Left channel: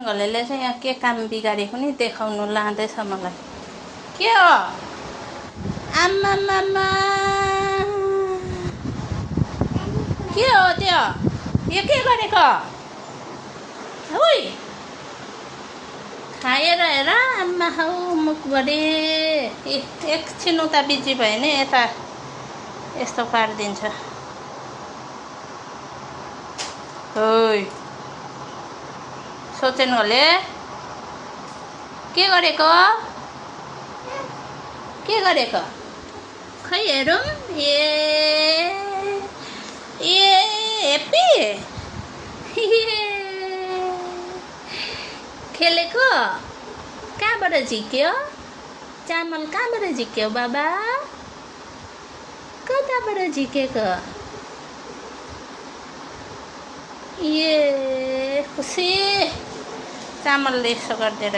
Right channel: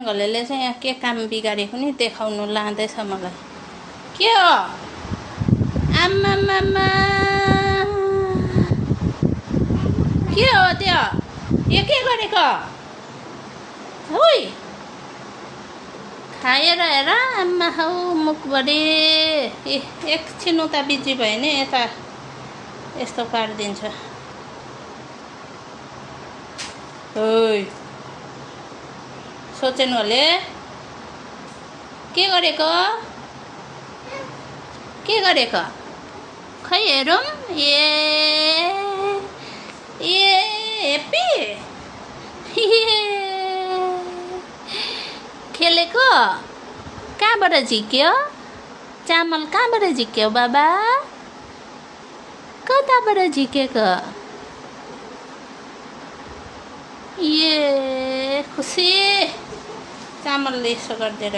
घलेले चाहिँ यहाँ के काम बिगारेको नि देखाउनु लाँदैछ मलाई। के हो आम्मामामा, के हो त्यो? यो के गरेको? हुई खाएर हेर आम्मा हौ मुखभरि। एकछिन उता बिजी भयो नि यता यस्तो पारिदिन्छ। ओइ सोचेनले के गरेको? के गरेको? खै हेरौँ। ए हेप्पी खेलेको कहाँबाट झिक्यो? चामल कहाँबाट झिक्यो बाबा? कताबाट झिकेको? ए खुसी चामलले यसो गरिदिएर